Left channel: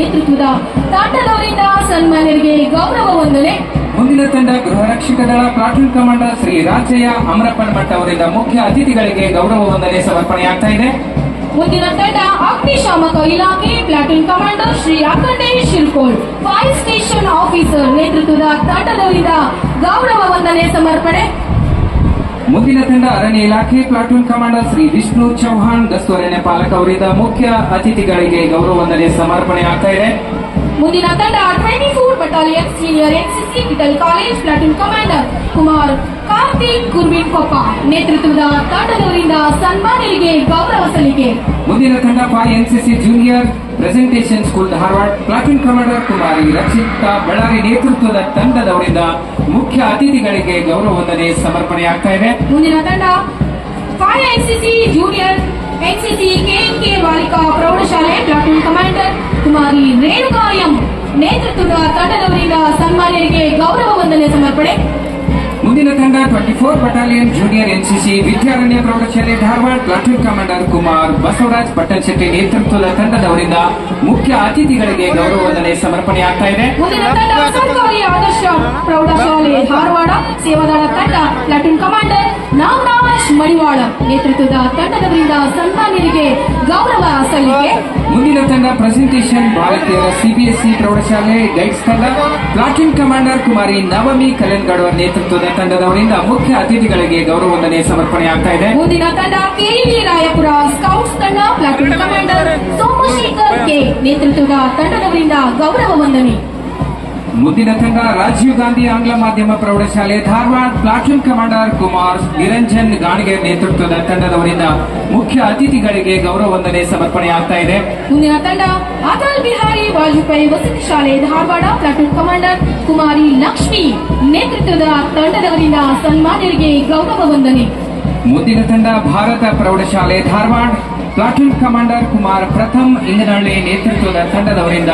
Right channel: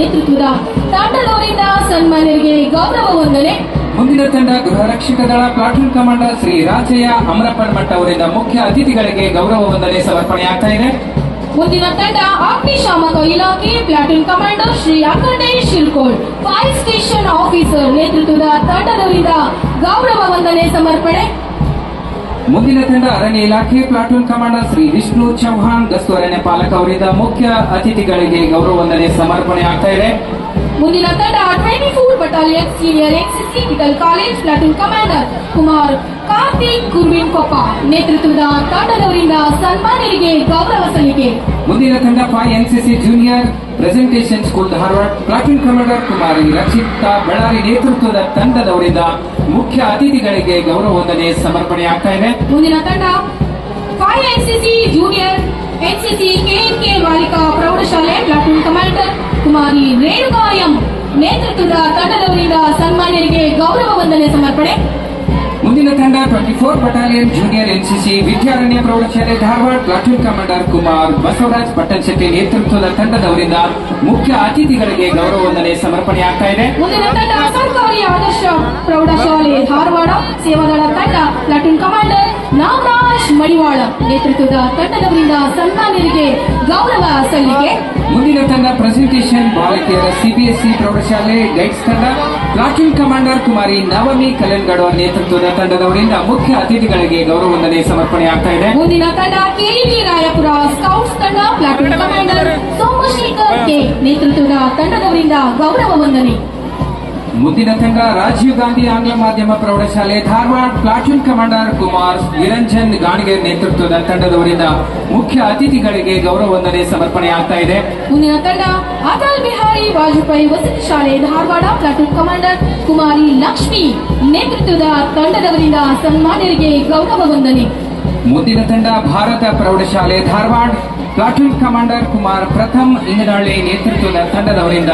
ನೇತೃತ್ವದ ತಾಂಡದವರಿಂದ ಸನ್ಮಾನ್ಯರಿಗೆ ಗೌರವ ವಂದನೆ. ಮುಂದಿನ ತಂಡ ಗೃಹ ರಕ್ಷಕ ದಳ ಪ್ಲಾಟೂನ್ ಕಮಾಂಡರ್ ಶ್ರೀ ರಾಜಯ್ಯ ಅಮರಪ್ಪನ್ ಮಠ ಅವರಿಂದ ಮುಖ್ಯ ಅತಿಥಿಗಳಿಗೆ ಗೌರವ ವಂದನೆ ಸಮರ್ಪಣೆಯಾಗ್ತಾ ಇದೆ. ಮುಂದಿನ ತಂಡ ಅಗ್ನಿಶಾಮಕ ಇಲಾಖೆ platoon commander Shri Akhandesh Shirkol fire station officer ನೇತೃತ್ವದ ತಂಡದವರಿಂದ ಗೌರವ ವಂದನೆ ಸಮರ್ಪಣೆ. ಮುಂದಿನ ತಂಡ ಅರಣ್ಯ ಇಲಾಖೆ ಪ್ಲಾಟೂನ್ ಕಮಾಂಡರ್ ಶ್ರೀ ವಿಷ್ಣು ಚೌಹಾಣ್ ಗಸ್ತು ಅರಣ್ಯ ಪಾಲಕ ಅವರಿಂದ ಮುಖ್ಯ ಅತಿಥಿಗಳಿಗೆ ಗೌರವ ವಂದನೆ ಸಮರ್ಪಣೆಯಾಗ್ತಾ ಇದೆ. ಮುಂದಿನ ತಂಡ 24 battalion senior NCC medical college platoon commander Kumar Karthik Gurvin Koppa ನೇತೃತ್ವದ ತಂಡದವರಿಂದ ಸನ್ಮಾನ್ಯರಿಗೆ ಗೌರವ ಸಲ್ಲಿಕೆ. ಮುಂದಿನ ತಂಡ 5 NCC junior presentation school Dharwad platoon commander Kumari Rakshita Ballari ನೇತೃತ್ವದ ತಂಡದವರಿಂದ ಮುಖ್ಯ ಅತಿಥಿಗಳಿಗೆ ಗೌರವ ವಂದನೆ ಸಮರ್ಪಣೆಯಾಗ್ತಾ ಇದೆ. ಮುಂದಿನ ತಂಡ 5 ಎನ್ಸಿಸಿ ಜೂನಿಯರ್ ಎನ್ಸಿಸಿ ಕೆಎನ್ಕೆ ಬಾಲಿಕಾ ಪ್ರೌಢಶಾಲೆ ಪ್ಲಾಟೂನ್ ಕಮಾಂಡರ್ ಕುಮಾರಿ ರೇಣುಕಾ ಎಂ ನೇತೃತ್ವದ ತಂಡದವರಿಂದ ಸನ್ಮಾನ್ಯರಿಗೆ ಗೌರವ ವಂದನೆ ಸಮರ್ಪಣೆ. ಮುಂದಿನ ತಂಡ 24 ಬಟಾಲಿಯನ್ ಜೂನಿಯರ್ ಎನ್ಸಿಸಿ ವಿದ್ಯಾರಣ್ಯ ಪ್ರೌಢಶಾಲೆ ಧಾರವಾಡ ಪ್ಲಾಟೂನ್ ಕಮಾಂಡರ್ ಕುಮಾರ್ ಬಸವರಾಜ್ ಪಟ್ಟಣಶೆಟ್ಟಿ ನೇತೃತ್ವದ ತಂಡದವರಿಂದ ಮುಖ್ಯ ಅತಿಥಿಗಳಿಗೆ ಗೌರವ ವಂದನೆ ಸಮರ್ಪಣೆಯಾಗ್ತಾ ಇದೆ. ಮುಂದಿನ ತಂಡ ಸರ್ಕಾರಿ ಆದರ್ಶ ಪ್ರೌಢಶಾಲೆ ಧಾರವಾಡ ಸೇವಾದಳ ತಂಡ ಪ್ಲಾಟೂನ್ ಕಮಾಂಡರ್ ನಾಗರಾಜ್ ಮಡಿವಾಳ ನೇತೃತ್ವದ ತಂಡದವರಿಂದ ಸನ್ಮಾನ್ಯರಿಗೆ ಗೌರವ ಸಲ್ಲಿಕೆ. ಮುಂದಿನ ತಂಡ ಪ್ರೆಸೆಂಟೇಷನ್ ಬಾಲಕಿಯರ ಸಿಬಿಎಸ್ಇ ಪ್ರೌಢಶಾಲೆ ಗೈಡ್ಸ್ ತಂಡ ಪ್ಲಾಟೂನ್ ಕಮಾಂಡರ್ ಕುಮಾರಿ ನವಮಿ ಕಲೆನ್ಗೌಡ ನೇತೃತ್ವದ ತಂಡದವರಿಂದ ಮುಖ್ಯ ಅತಿಥಿಗಳಿಗೆ ಗೌರವ ವಂದನೆ ಸಮರ್ಪಣೆಯಾಗ್ತಾ ಇದೆ. ಮುಂದಿನ ತಂಡ ಕೆಡಿವಿ ರಾಯಪುರ ಸ್ಕೌಟ್ಸ್ ತಂಡ ಪ್ಲಾಟೂನ್ ಕಮಾಂಡರ್ ಸೋಮಶೇಖರ್ ಕೆ ನೇತೃತ್ವದ ತಂಡದವರಿಂದ ಗೌರವ ವಂದನೆ. ಮುಂದಿನ ತಂಡ ರಾಜೀವ್ ಗಾಂಧಿ ಆಂಗ್ಲ ಮಾಧ್ಯಮ ಪ್ರೌಢಶಾಲೆ ಧಾರವಾಡ ಪ್ಲಾಟೂನ್ ಕಮಾಂಡರ್ ಕುಮಾರ್ ನಿರಂಜನ್ ಗಾಣಿಗೆ ನೇತೃತ್ವದ ತಂಡದವರಿಂದ ಮುಖ್ಯ ಅತಿಥಿಗಳಿಗೆ ಗೌರವ ವಂದನೆ ಸಮರ್ಪಣೆಯಾಗ್ತಾ ಇದೆ. ಮುಂದಿನ ತಂಡ ಅಟಲ್ ಬಿಹಾರಿ ವಾಜಪೇಯಿ ವಸತಿ ಶಾಲೆ ಧಾರವಾಡ ಪ್ಲಾಟೂನ್ ಕಮಾಂಡರ್ ಕುಮಾರಿ ಲಕ್ಷ್ಮಿ ನೇತೃತ್ವದ ತಂಡದವರಿಂದ ಸನ್ಮಾನ್ಯರಿಗೆ ಗೌರವ ವಂದನೆ. ಮುಂದಿನ ತಂಡ ಭಾರತ ಪ್ರೌಢಶಾಲೆ ಧಾರವಾಡ ಪ್ಲಾಟೂನ್ ಕಮಾಂಡರ್ ಕುಮಾರ್ ಪ್ರಥಮ್ ಇಂಗನಹಳ್ಳಿ ನೇತೃತ್ವದ ತಂಡದವರಿಂದ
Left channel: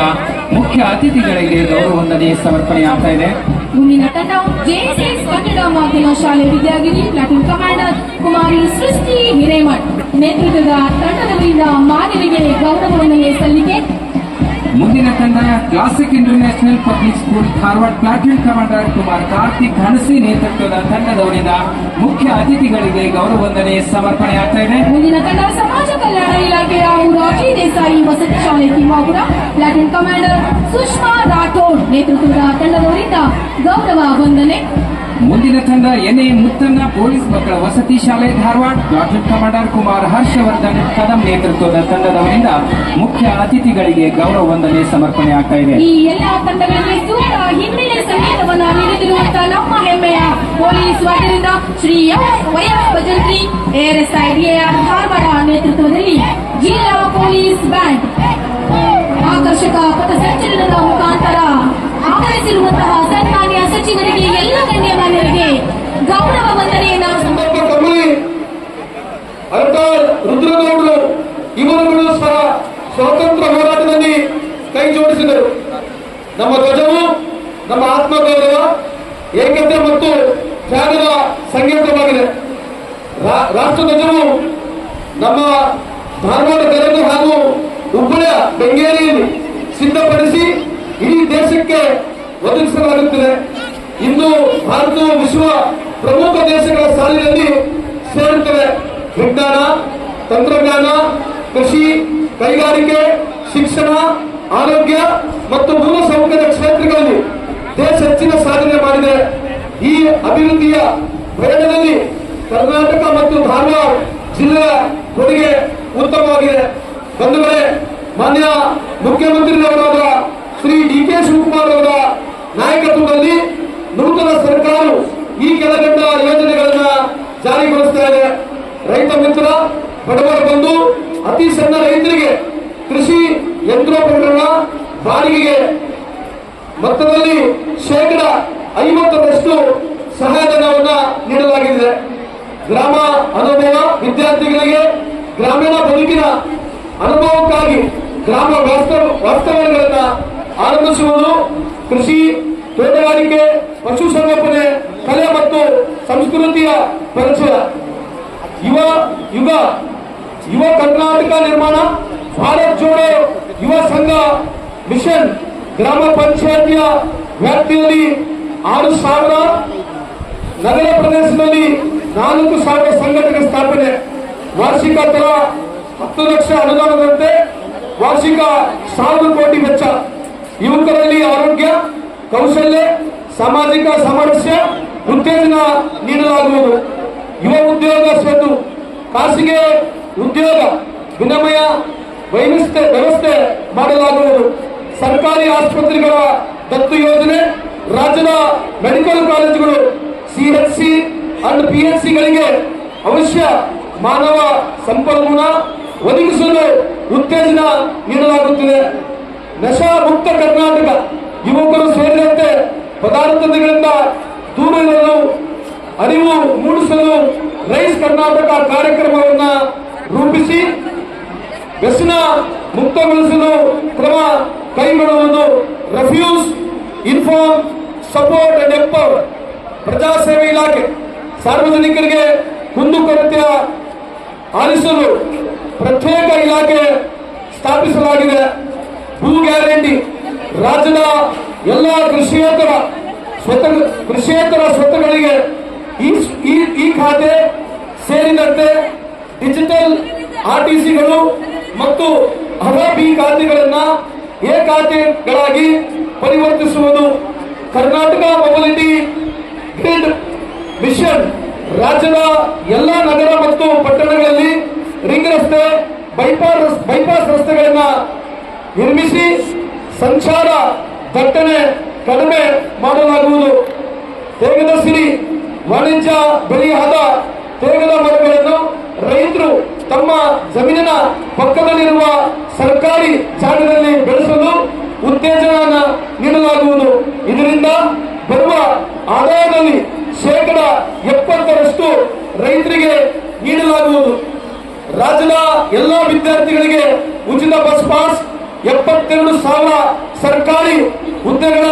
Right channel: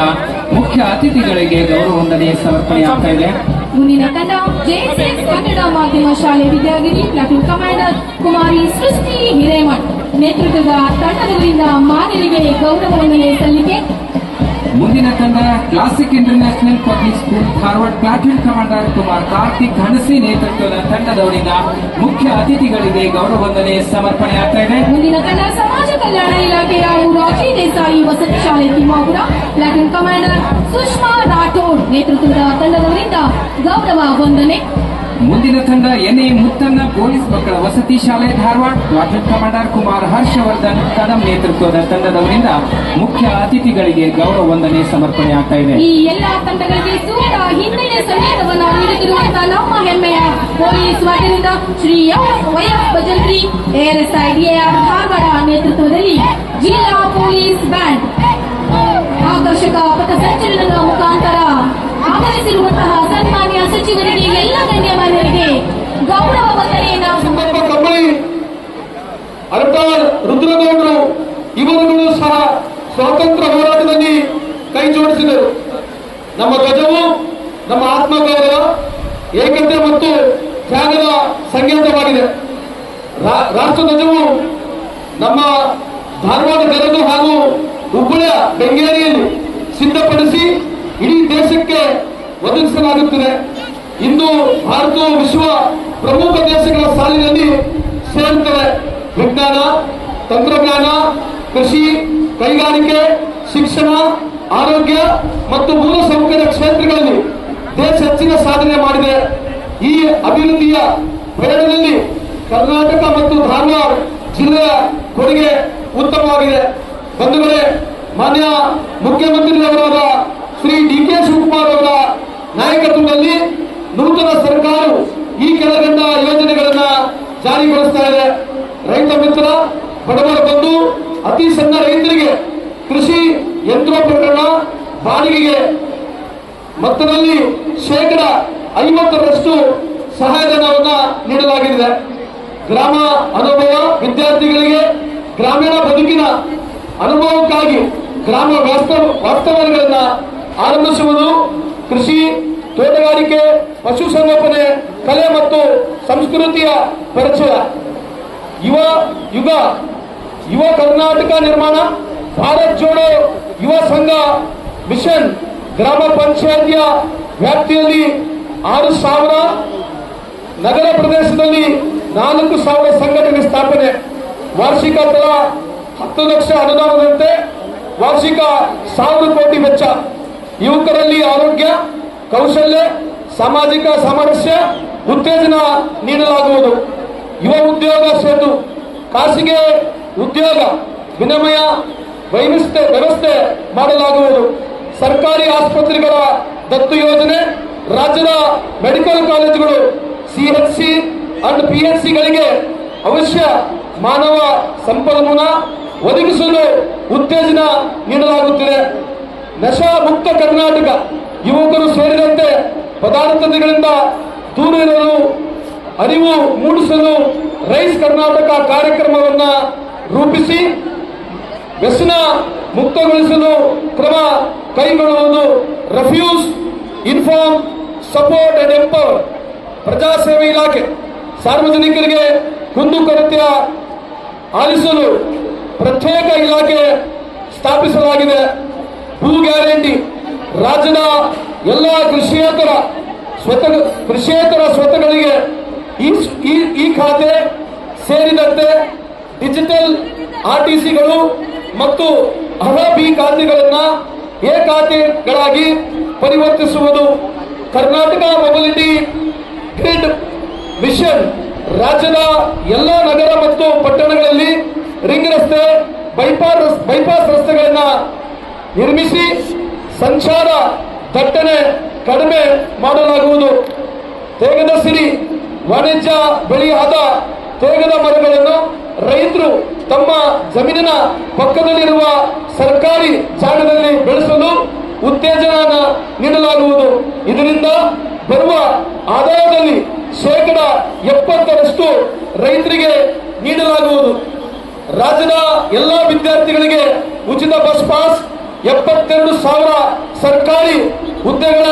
ಮುಖ್ಯ ಅತಿಥಿಗಳಿಗೆ ಗೌರವ ವಂದನೆ ಸಮರ್ಪಣೆಯಾಗ್ತಾ ಇದೆ. ಮುಂದಿನ ತಂಡ ಜೆಎಸ್ಎಸ್ ಕನ್ನಡ ಮಾಧ್ಯಮ ಶಾಲೆ ವಿದ್ಯಾಗಿರಿ ಪ್ಲಾಟೂನ್ ಕಮಾಂಡರ್ ಕುಮಾರಿ ಸೃಷ್ಟಿ ಹಿರೇಮಠ್ ನೇತೃತ್ವದ ತಂಡದವರಿಂದ ಮಾನ್ಯರಿಗೆ ಗೌರವ ವಂದನೆ ಸಲ್ಲಿಕೆ. ಮುಂದಿನ ತಂಡ classic international public school Dharwad platoon commander Kumar Karthik Hanasi ನೇತೃತ್ವದ ತಂಡದವರಿಂದ ಮುಖ್ಯ ಅತಿಥಿಗಳಿಗೆ ಗೌರವ ವಂದನೆ ಸಮರ್ಪಣೆಯಾಗ್ತಾ ಇದೆ. ಮುಂದಿನ ತಂಡ ಸಮಾಜ ಕಲ್ಯಾಣ ಇಲಾಖೆಯ ಮುರಾರ್ಜಿ ದೇಸಾಯಿ ವಸತಿ ಶಾಲೆ ತಿಮ್ಮಾಪುರ ಪ್ಲಾಟೂನ್ ಕಮಾಂಡರ್ ಸುಷ್ಮಾ ರಾಠೋಡ್ ನೇತೃತ್ವದ ತಂಡದವರಿಂದ ಗೌರವ ವಂದನೆ. ಮುಂದಿನ ತಂಡ ಎನ್ಎ ಮುತ್ತನ್ನ ಪೊಲೀಸ್ ಮಕ್ಕಳ ವಸತಿ ಶಾಲೆ ಧಾರವಾಡ ಪ್ಲಾಟೂನ್ ಕಮಾಂಡರ್ ಕುಮಾರ್ ಹರ್ಷವರ್ಧನ್ ಕದಂ ನೇತೃತ್ವದ ತಂಡದವರಿಂದ ಮುಖ್ಯ ಅತಿಥಿಗಳಿಗೆ ಗೌರವ ವಂದನೆ ಸಮರ್ಪಣೆಯಾಗ್ತಾ ಇದೆ. ಈ ಎಲ್ಲಾ ತಂಡಗಳಿಗೆ ಸೂಕ್ತ ಹಿನ್ನೆಲೆ ಸಂಗೀತವನ್ನು ನೀಡುತ್ತಿರುವಂತಹ ನಮ್ಮ ಹೆಮ್ಮೆಯ ಪೊಲೀಸ್ ವತಿಯಿಂದ ಶ್ರೀ ವೈಎಸ್ ಭಜಂತ್ರಿ ಎಆರ್ಎಸ್ಐ ಡಿಎಆರ್ ಧಾರವಾಡ ನೇತೃತ್ವದಲ್ಲಿ ಜಿಲ್ಲಾ ಪೊಲೀಸ್ ಬ್ಯಾಂಡ್ ಆಕರ್ಷಕ ಪಥಸಂಚಲನದ ಮುಖಾಂತರ ಆಗಮಿಸಿರುವಂತಹ ಸನ್ಮಾನ್ಯ ಸಚಿವರಿಗೆ ಎಲ್ಲ ಗಣ್ಯಮಾನ್ಯರಿಗೆ ಗೌರವ ವಂದನೆಯನ್ನು ಸಮರ್ಪಿಸಿದ್ದಾರೆ. ರುದ್ರದೇವರು ಇವರುಗಳು ಸಹ ಸ್ವಾತಂತ್ರ್ಯ ಹೋರಾಟದಲ್ಲಿ ಕೈ ಜೋಡಿಸಿದರು. ನಮ್ಮ ಧ್ವಜವು ನಮ್ಮ ಆತ್ಮಗೌರವ, ಏಕತೆ ಮತ್ತು ತ್ಯಾಗದ ಸಂಕೇತವಾಗಿದೆ. ರಾಷ್ಟ್ರಧ್ವಜವು ನಮ್ಮ ಧಾರವಾಡ ಗದಗ ಹಾಗೂ ಹುಬ್ಬಳ್ಳ ಬೆಂಗೇರಿಯಲ್ಲಿ ಸಿದ್ಧಪಡಿಸಿ ಇಡೀ ದೇಶಕ್ಕೆ ಒದಗಿಸಲಾಗುತ್ತದೆ. ಇಂದು ಭಾರತವು ವಿಶ್ವ ಪ್ರಮುಖ ದೇಶಗಳ ಸಾಲಿನಲ್ಲಿ ಸೇರುತ್ತದೆ. ವಿಜ್ಞಾನ, ತಂತ್ರಜ್ಞಾನ, ಕೃಷಿ, ಕೈಗಾರಿಕೆ, ಶಿಕ್ಷಣ, ಆರೋಗ್ಯ ಮತ್ತು ಮೂಲಸೌಕರ್ಯ ಕ್ಷೇತ್ರಗಳಲ್ಲಿ ದೇಶ ಹೆಚ್ಚಿನ ಸಾಧನೆ ಮಾಡಿದೆ. ಈ ಅಭಿವೃದ್ಧಿಯ ಪ್ರಯತ್ನದಲ್ಲಿ ಕರ್ನಾಟಕ ಮತ್ತು ಧಾರವಾಡ ಜಿಲ್ಲೆಯ ಕೊಡುಗೆ ಉತ್ತಮವಾಗಿದೆ. ಬಂಧುಗಳೇ, ಮಾನ್ಯ ಮುಖ್ಯಮಂತ್ರಿಯವರಾದ ಶ್ರೀ ಡಿ.ಕೆ. ಶಿವಕುಮಾರ್ ಅವರ ನಾಯಕತ್ವದಲ್ಲಿ ನೂತನ ಸರ್ಕಾರವು ಈ ಕೆಳಕಂಡ ಯೋಜನೆಗಳನ್ನು ಜಾರಿಗೊಳಿಸ್ತಾ ಇದೆ. ರೈತ ಮಿತ್ರ, ಬಡವರ ಬಂಧು, ಅತಿ ಸಣ್ಣ ರೈತರಿಗೆ ಕೃಷಿ ಯಂತ್ರೋಪಕರಣ ಬಾಡಿಗೆಗೆ ಮೊತ್ತದಲ್ಲಿ 50% ಸಹಾಯಧನವನ್ನು ನೀಡಲಾಗಿದೆ. ಗ್ರಾಮ ಅನುಭವ ವಿದ್ಯಾರ್ಥಿಗಳಿಗೆ ಗ್ರಾಮೀಣ ಬದುಕಿನ ಅನುಭವಕ್ಕಾಗಿ ಗ್ರಾಮ ವಾಸ್ತವ್ಯಗಳನ್ನು ಆರಂಭಿಸುವುದು, ಕೃಷಿ, ತೋಟಗಾರಿಕೆ, ಪಶುಸಂಗೋಪನೆ, ಕಲೆ ಮತ್ತು ಸಂಸ್ಕೃತಿಯ ಪರಿಚಯ, ಯುವ ಕರ್ನಾಟಕ ನಿರ್ಮಾಣ, ಭಾರತ್ ಜೋಡೋ ಯುವ ಸಂಘ ಮಿಷನ್ ಗ್ರಾಮ ಪಂಚಾಯತಿಯ ವ್ಯಾಪ್ತಿಯಲ್ಲಿ 6,000, ನಗರ ಪ್ರದೇಶದಲ್ಲಿ 4,000 ಸಂಘಟನೆ ಸ್ಥಾಪನೆ, ವಾರ್ಷಿಕ ದರ 10 ಲಕ್ಷ ಅನುದಾನದಂತೆ ವಾರ್ಷಿಕ 1,000 ಕೋಟಿ ವೆಚ್ಚ. ಯುವಕರಲ್ಲಿ ಆರೋಗ್ಯ, ಕೌಶಲ್ಯ, ಸಾಮಾಜಿಕ ಸಾಮರಸ್ಯ ಉತ್ತೇಜನ ನೀಡಲಾಗುವುದು. ಯುವ ಉದ್ಯೋಗ ಸೇತು, ಖಾಸಗಿ ಉದ್ಯೋಗ ವಿನಿಮಯ ವ್ಯವಸ್ಥೆ ಮಾಡಲಾಗುವುದು. ಸರ್ಕಾರಿ ಆಸ್ಪತ್ರೆಗಳ ದತ್ತು ಯೋಜನೆ, ರಾಜ್ಯದ ಮೆಡಿಕಲ್ ಕಾಲೇಜುಗಳು, ಸಿಎಚ್ಸಿ ಅಂಡ್ ಪಿಎಚ್ಸಿಗಳಿಗೆ ಅವಶ್ಯ ಮಾನವ ಸಂಪನ್ಮೂಲ ಒದಗಿಸಲು ಉತ್ತೇಜನ ನೀಡಲಾಗುತ್ತಿದೆ. ನಶಾ ಮುಕ್ತ ಕರ್ನಾಟಕ, ಯುವಕರು ಸೇರಿದಂತೆ ಪದಾರ್ಥಗಳಿಂದ ದೂರ ಇರಲು ಅರಿವು ಮೂಡಿಸಲು ರೈಸ್ ಕರ್ನಾಟಕ ಕಾರ್ಯಕ್ರಮವನ್ನು ರೂಪಿಸಿ ವ್ಯಸನ ಮುಕ್ತಗೊಳಿಸಲು ಕ್ರಮ ಕೈಗೊಳ್ಳುವುದು. Refuse inform support and empower ಪ್ರಜಾಸೇವೆ ಇಲಾಖೆ ಸಾರ್ವಜನಿಕರಿಗೆ ಕುಂದುಕೊರತೆ ಆಲಿಸಲು ಪ್ರತ್ಯೇಕ ಇಲಾಖೆ ಸ್ಥಾಪಿಸಲಾಗಿದೆ. ಭೂ ಗ್ಯಾರಂಟಿ, ರಾಜ್ಯದ ಎಲ್ಲ ಕೃಷಿಯೇತರ ಸ್ವತ್ತುಗಳಿಗೆ ಈ ಖಾತೆ ಸೇರಿದಂತೆ ಡಿಜಿಟಲ್ ಆರ್ಟಿಸಿಗಳು ಮತ್ತು ಬಿ ಖಾತೆಗಳನ್ನು ಎ ಖಾತೆಗಳಾಗಿ ಪರಿವರ್ತಿಸುವುದು. ಕರ್ನಾಟಕ ಮೊಬಿಲಿಟಿ ಗ್ರಿಡ್ ಮಿಷನ್ ರಾಜ್ಯದ ಎಲ್ಲ ನಗರ ಮತ್ತು ಪಟ್ಟಣಗಳಲ್ಲಿ ರಿಂಗ್ ರಸ್ತೆ, ಬೈಪಾಸ್ ರಸ್ತೆಗಳನ್ನು ನಿರ್ಮಿಸಿ ಸಂಚಾರ ದಟ್ಟಣೆ ಕಡಿಮೆ ಮಾಡಲಾಗುವುದು. ತೇಗದ ಸಿರಿ ವಾಣಿಜ್ಯ ಬೆಳೆಯಾದ ತೇಗದ ಮರಗಳನ್ನು ರೈತರು ತಮ್ಮ ಜಮೀನಿನ ಪಕ್ಕದಲ್ಲಿರುವ ಸರ್ಕಾರಿ ಜಾಗದಲ್ಲಿ ಬೆಳೆಸಲು ಉತ್ತೇಜನ ನೀಡಲಾಗುವುದು. ಇದರಿಂದ ಬರುವ ಆದಾಯದಲ್ಲಿ 70% ರೈತರಿಗೆ ನೀಡಲಾಗುವುದು. ರಾಜ್ಯದ ಎಲ್ಲ ವಿದ್ಯಾರ್ಥಿಗಳಿಗೆ ಉಚಿತ ಬಸ್ ಪಾಸ್, 72,000 ಸರ್ಕಾರಿ ಹುದ್ದೆಗಳ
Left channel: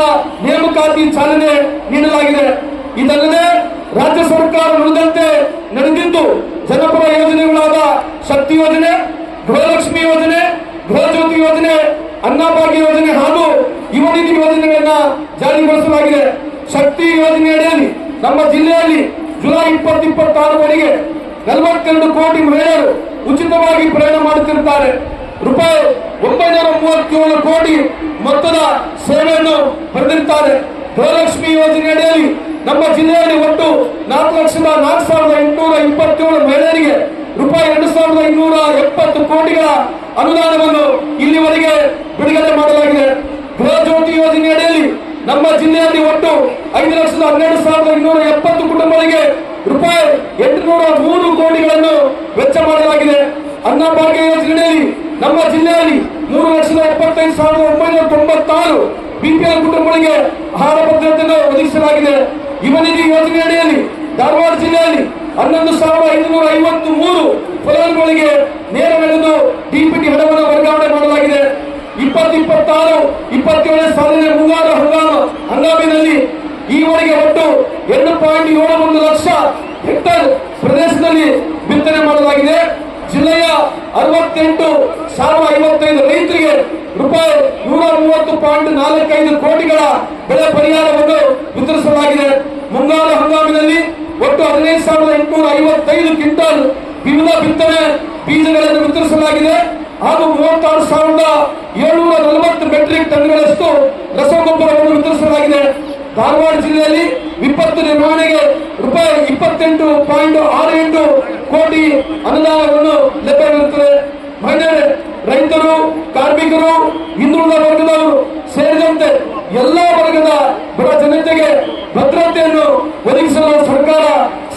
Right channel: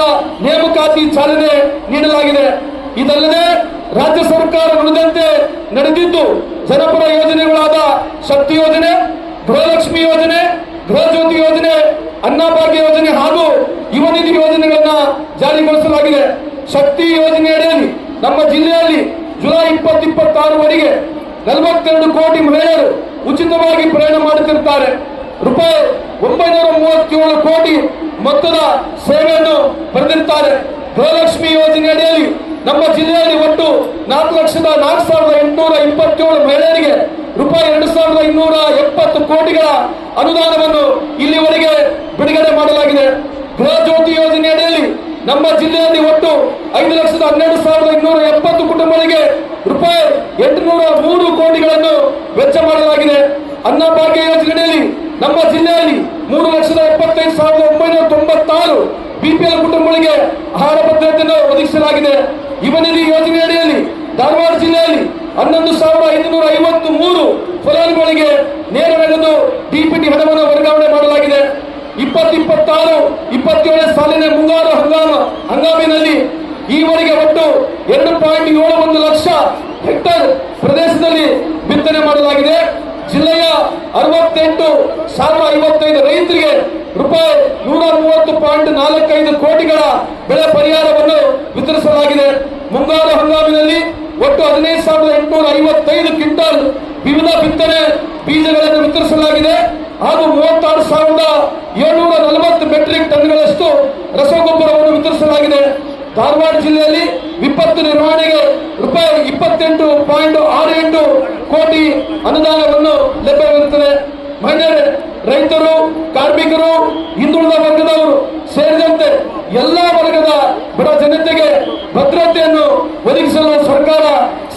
ನೇಮಕಾತಿ ಚಾಲನೆ ನೀಡಲಾಗಿದೆ. ಇದಲ್ಲದೆ ರಾಜ್ಯ ಸರ್ಕಾರ ನುಡಿದಂತೆ ನಡೆದಿದ್ದು ಜನಪರ ಯೋಜನೆಗಳಾದ ಶಕ್ತಿ ಯೋಜನೆ, ಗೃಹಲಕ್ಷ್ಮಿ ಯೋಜನೆ, ಗೃಹಜ್ಯೋತಿ ಯೋಜನೆ, ಅನ್ನಭಾಗ್ಯ ಯೋಜನೆ ಹಾಗೂ ಯುವ ನಿಧಿ ಯೋಜನೆಗಳನ್ನು ಜಾರಿಗೊಳಿಸಲಾಗಿದೆ. ಶಕ್ತಿ ಯೋಜನೆ ಅಡಿಯಲ್ಲಿ ನಮ್ಮ ಜಿಲ್ಲೆಯಲ್ಲಿ ಜುಲೈ 2026ವರೆಗೆ 42 ಕೋಟಿ ಮಹಿಳೆಯರು ಉಚಿತವಾಗಿ ಪ್ರಯಾಣ ಮಾಡುತ್ತಿರುತ್ತಾರೆ. ರೂಪಾಯಿ 937 ಕೋಟಿ ಮೊತ್ತದ ಸೇವೆಯನ್ನು ಪಡೆದಿರುತ್ತಾರೆ. ಗೃಹಲಕ್ಷ್ಮಿ ಯೋಜನೆ ಅಡಿಯಲ್ಲಿ ನಮ್ಮ ಜಿಲ್ಲೆಯಲ್ಲಿ ಒಟ್ಟು 4,04,827 ಮಹಿಳೆಯರಿಗೆ ರೂಪಾಯಿ 2,270 ಕೋಟಿಗಳ ಅನುದಾನವನ್ನು ಇಲ್ಲಿವರೆಗೆ ಬಿಡುಗಡೆ ಮಾಡಲಾಗಿದೆ. ಗೃಹಜ್ಯೋತಿ ಯೋಜನೆ ಅಡಿಯಲ್ಲಿ ನಮ್ಮ ಜಿಲ್ಲೆಯಲ್ಲಿ ಒಟ್ಟು 5,12,270 ಕುಟುಂಬಗಳಿಗೆ ರೂಪಾಯಿ 803 ಕೋಟಿಗಳನ್ನು ವೆಚ್ಚ ಮಾಡಲಾಗಿದೆ. ಅನ್ನಭಾಗ್ಯ ಯೋಜನೆಯಲ್ಲಿ ನಮ್ಮ ಜಿಲ್ಲೆಯಲ್ಲಿ 3,75,996 ಬಿಪಿಎಲ್ ಕುಟುಂಬಗಳಿಗೆ ಆಹಾರ ಭದ್ರತೆಯನ್ನು ಒದಗಿಸಲಾಗಿದೆ. ಯುವ ನಿಧಿ ಯೋಜನೆ ಅಡಿಯಲ್ಲಿ ಧಾರವಾಡ ಜಿಲ್ಲೆಯಲ್ಲಿ 11,553 ಫಲಾನುಭವಿಗಳಿಗೆ ನೇರ ನಗದು ಡಿಪಿಟಿ ಹಣವನ್ನು ವರ್ಗಾವಣೆ ಮಾಡಲಾಗಿದೆ. 2026-27 ಸಾಲಿನ ಮುಂಗಾರು ಹಂಗಾಮಿನಲ್ಲಿ ಈವರೆಗೆ ಒಟ್ಟು 2.71 ಲಕ್ಷ ಹೆಕ್ಟೇರ್ ಪ್ರದೇಶದಲ್ಲಿ ಬಿತ್ತನೆ ಮಾಡಲಾಗಿದೆ. ಜಿಲ್ಲೆಯ 68,055 ರೈತರಿಗೆ ರೂಪಾಯಿ 130.45 ಕೋಟಿಗಳ ಬೆಳೆ ಪರಿಹಾರವನ್ನು ವಿತರಿಸಲಾಗಿದೆ. ಮುಂಗಾರು ಹಂಗಾಮಿನಲ್ಲಿ ಒಟ್ಟು 15,855 ಕ್ವಿಂಟಲ್ ವಿವಿಧ ಬಿತ್ತನೆ ಬೀಜಗಳನ್ನು ವಿತರಿಸಲಾಗಿದೆ ಹಾಗೂ 36,740 ಮೆಟ್ರಿಕ್ ಟನ್ಗಳಷ್ಟು ರಸಗೊಬ್ಬರವನ್ನು ವಿತರಿಸಲಾಗಿದೆ. ಧಾರವಾಡ ಜಿಲ್ಲೆಯಲ್ಲಿ ವಿಪತ್ತು ನಿರ್ವಹಣೆಗೆ ರೂಪಾಯಿ 28.68 ಕೋಟಿ ಅನುದಾನವನ್ನು ಲಭ್ಯವಿರುತ್ತದೆ. ಮಹಿಳೆಯರು, ರೈತರು, ಕಾರ್ಮಿಕರು, ಹಿಂದುಳಿದ ವರ್ಗದವರು ಸೇರಿದಂತೆ ಎಲ್ಲಾ ವರ್ಗದ ಬಡ ಜನತೆಗೆ ಭದ್ರತೆಯನ್ನು ಒದಗಿಸಲು ಸರ್ಕಾರ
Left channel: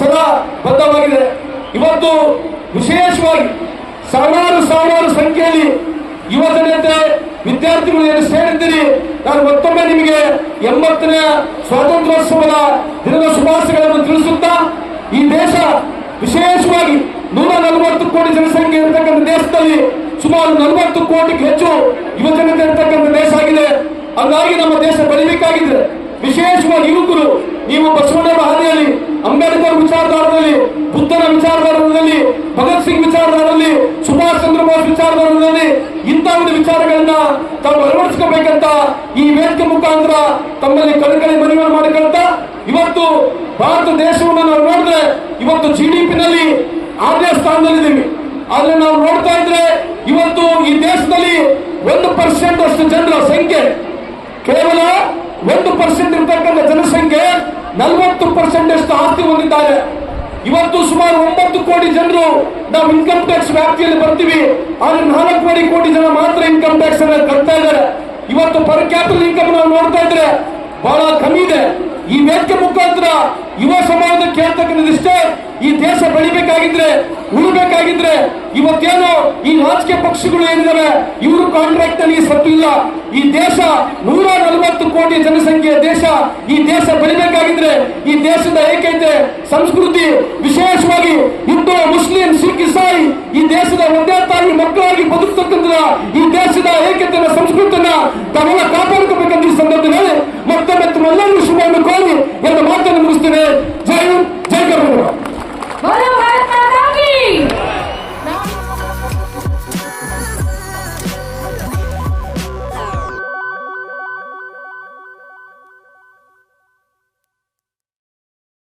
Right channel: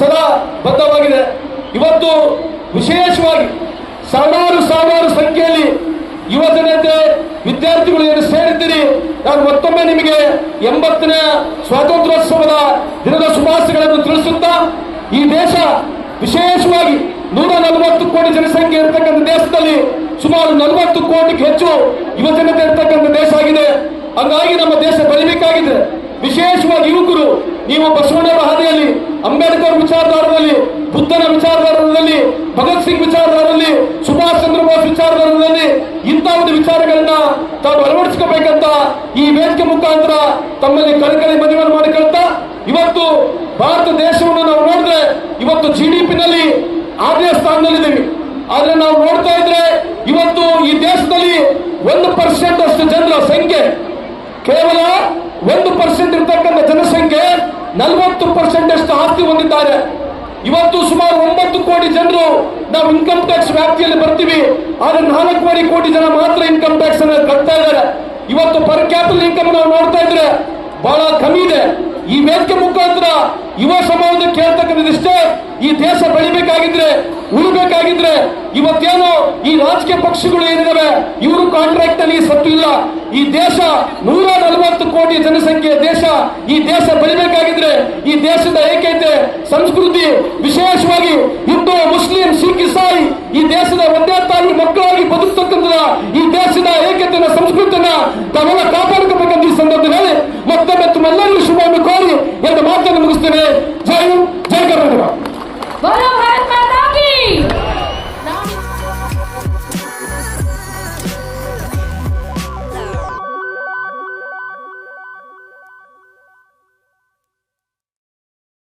ಸದಾ ಬದ್ಧವಾಗಿದೆ. ಇವತ್ತು ವಿಶೇಷವಾಗಿ ಸಾವಿರಾರು ಸಂಖ್ಯೆಯಲ್ಲಿ ಯುವ ಜನತೆ, ವಿದ್ಯಾರ್ಥಿಗಳು ಏನು ಸೇರಿದ್ದೀರಿ, ನಾನು ಮತ್ತೊಮ್ಮೆ ನಿಮಗೆ 80ನೇ ಸ್ವಾತಂತ್ರ್ಯೋತ್ಸವದ ದಿನದ ಶುಭಾಶಯಗಳನ್ನು ತಿಳಿಸುತ್ತಾ, ಈ ದೇಶ ವಿಶೇಷವಾಗಿ 140 ಕೋಟಿ ಜನಸಂಖ್ಯೆ ಇರತಕ್ಕಂಥ ದೇಶದಲ್ಲಿ ಸುಮಾರು 40 ಕೋಟಿಗೆ ಹೆಚ್ಚು ಯುವ ಜನತೆ ಇರತಕ್ಕಂಥ ದೇಶ ಆಗಿದೆ. ಹಾಗಾಗಿ ನಮ್ಮ ದೇಶ ಬೆಳಿಬೇಕಾಗಿದೆ. ವಿಶೇಷವಾಗಿ ಯುವಕರು, ನೀವು ಬಸವಣ್ಣವರ ಹಾದಿಯಲ್ಲಿ, ಅಂಬೇಡ್ಕರ್ ವಿಚಾರಧಾರದಲ್ಲಿ, ಬುದ್ಧನ ವಿಚಾರಧಾರದಲ್ಲಿ, ಭಗತ್ ಸಿಂಗ್ ವಿಚಾರಧಾರದಲ್ಲಿ, ಸುಭಾಷ್ ಚಂದ್ರ ಬೋಸ್ ವಿಚಾರಧಾರದಲ್ಲಿ ಇಂಥ ಒಂದು ವಿಚಾರಗಳನ್ನ ತಾವು ಅಳವಡಿಸಿಕೋಬೇಕಂತ ಕೋಟಿ ಜನರು ನಾವು ಇನ್ಕಮ್ ಟ್ಯಾಕ್ಸ್ ವ್ಯಾಪ್ತಿಯಲ್ಲಿ ಬರ್ತೀವಿ, ಆದ್ರೆ 4 ಕೋಟಿ ಜನ ಮಾತ್ರ ಇನ್ಕಮ್ ಟ್ಯಾಕ್ಸ್ ಅನ್ನು ಕಟ್ತಾ ಇದ್ದಾರೆ. ಇವತ್ತು ಪರ್ ಕ್ಯಾಪಿಟಲ್ ಇನ್ಕಮ್ ನಾವು ನೋಡ್ತಾ ಇದ್ರೆ ಬಹಳ ಕಮ್ಮಿ ಇದೆ. ಈ ವೇದಿಕೆ ಮುಖಾಂತರ ಯುವ ಸಮಾಜ ಕೇಳ್ತಕ್ಕಂಥದಿಷ್ಟೇ, ಈ ದೇಶ ಬೆಳಿಬೇಕಾಗಿದ್ರೆ, ಉಳಿಬೇಕಾಗಿದ್ರೆ ಇವತ್ತೇನು ಈ ರಾಜಕೀಯ ಪಕ್ಷಗಳು ಏನಿದಾವೆ ಇವರು ಕಾಂಟ್ರಾಕ್ಟ್ ನಲ್ಲಿ ಸತ್ತಿಲ್ಲ. ಈ ದೇಶ 140 ಕೋಟಿ ಜನಸಂಖ್ಯೆಯ ದೇಶ. ಈ ದೇಶ ಬೆಳಿಬೇಕಾಗಿದ್ರೆ ಈ ದೇಶದ ಏಕೈತೆ ಸಂಸ್ಕೃತಿ, ವಿಶೇಷವಾಗಿ ಹಿಂದೂ, ಮುಸ್ಲಿಂ, ಸಿಖ್, ಇಸಾಯಿ ಈ ದೇಶದ ಒಂದೇ ತಾಯಿ ಮಕ್ಕಳಾಗಿ ಬದುಕತಕ್ಕಂಥ ಈ ದೇಶದ ಏಕತೆಯ ಸಂಸ್ಕೃತಿನ ತಾವೆಲ್ಲ